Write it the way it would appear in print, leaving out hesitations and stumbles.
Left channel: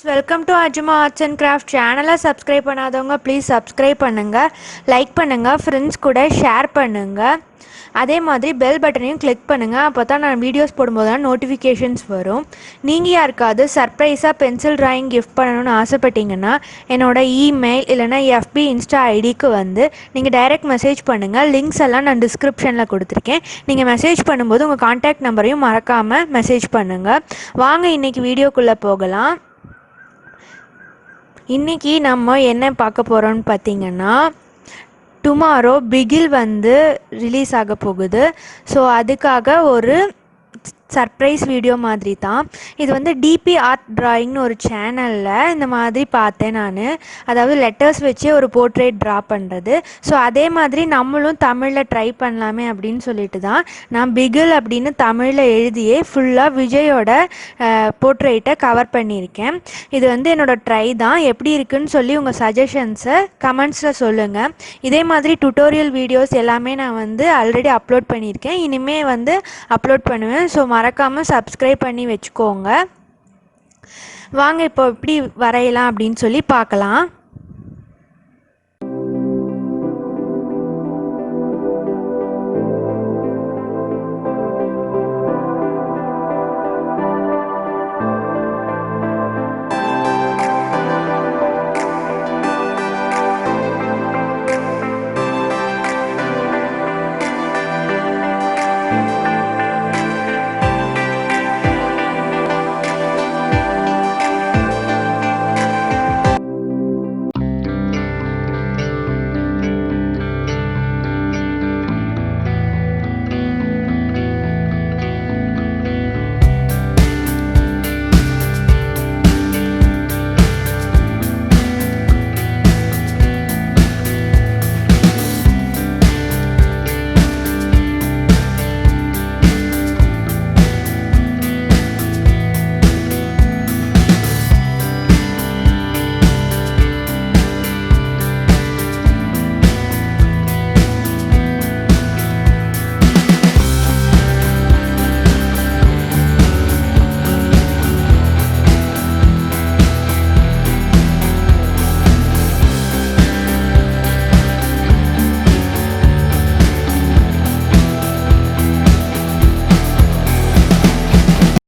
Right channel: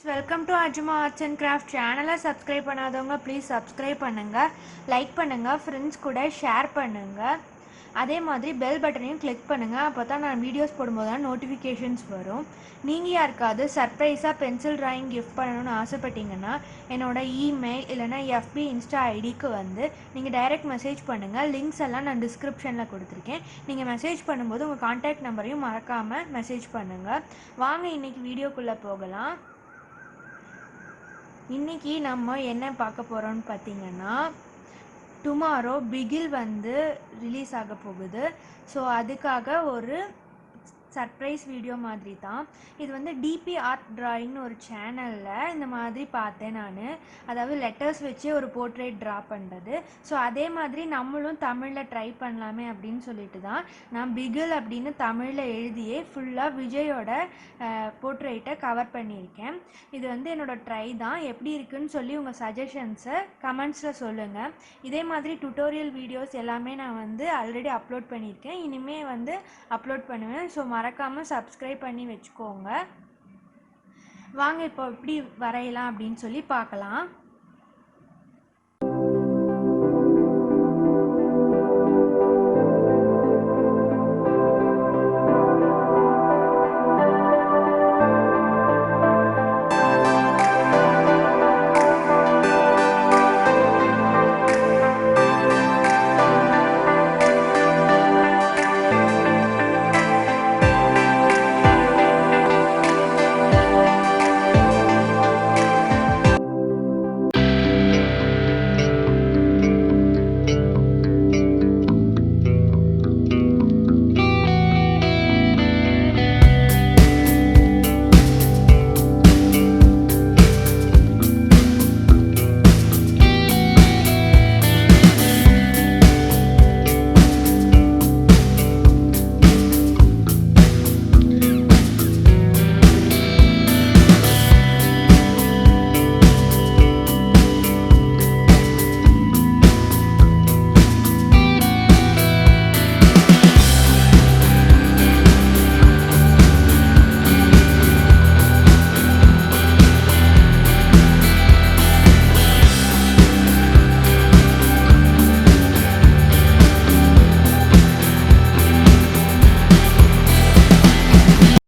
Welcome to arjamaartsandcrafts channel. Subscribe பண்ணாதவங்க please subscribe பண்ணுங்க, like பண்ணுங்க, friends கூட ஷேர் பண்ணுங்க. அதே மாதிரி பெல் பட்டனையும் கிளிக் பண்ணுங்க. அப்பதான் நான் வீடியோஸ் போடும்போது நோட்டிஃபிகேஷன்ஸ் வரும். நீங்க யாருக்காவது சர்ப்ரைஸா பென்சில் டிராயிங் கிஃப்ட் பண்ணணும்னு ஆசைப்பட்டீங்கன்னா என்னோட இமெயில் இல்லனா FB இன்ஸ்டா ஐடிக்கு வந்து நீங்க டைரக்ட் மெசேஜ் பண்ணுங்க. லிங்க்ஸ் எல்லாம் நான் டிஸ்கிரிப்ஷன்ல கொடுத்திருக்கேன். நீங்க மெசேஜ் பண்ணும்போது உங்க கான்டாக்ட் நம்பரையும் மறக்காம மெசேஜ் பண்ணுங்க. வாங்க இன்னைக்கு வீடியோக்குள்ள போகலாம். இன்னைக்கு நம்ம என்ன பார்க்க போறோம்னு பார்த்தீங்கன்னா டுமாரோ பிகில் வந்து ரிலீஸ் ஆக போகுது. ஸோ அதுக்காக ஒரு சர்ப்ரைஸ் வீடியோ மாதிரி தான் இது. வந்து டிபி ஆர்ட் டிராயிங்னு ஒரு சேனலில் இந்த மாதிரி பார்த்தேன் நான். அதாவது லெட்டர்ஸ் வச்சு ஒரு போர்ட்ரேட் ட்ரா பண்ணுறது. ஸோ அதே மாதிரி நம்மளும் தமிழில் ட்ரை பண்ணலாமே அப்படின்னு சொல்லிட்டு தான் நான் பிகில் அப்படின்னு தமிழில் எழுதியே ஃபுல்லாக விஜயோட போர்ட்ரேட்டை கவர் பண்ணியிருக்கேன். இது வந்து என்னோடய ட்ரை தான். எப்படி இருக்குன்னு சொல்லி உங்கள் சஜஷன்ஸை கமெண்ட்ஸில் சொல்லுங்கள். இதே மாதிரி டுட்டோரியல் வீடியோஸ் எல்லாமே நான் வந்து ஆல்ரெடி அப்லோட் பண்ணியிருக்கேன், இனிமேல் வந்து அப்லோட் பண்ணுவேன். ஸோ மறக்காமல் சப்ஸ்கிரைப் பண்ணி வச்சுக்கோங்க. வாங்க இப்போ எப்படி வரையலாம் அப்படின்னு சொல்லி பார்க்கலாம்.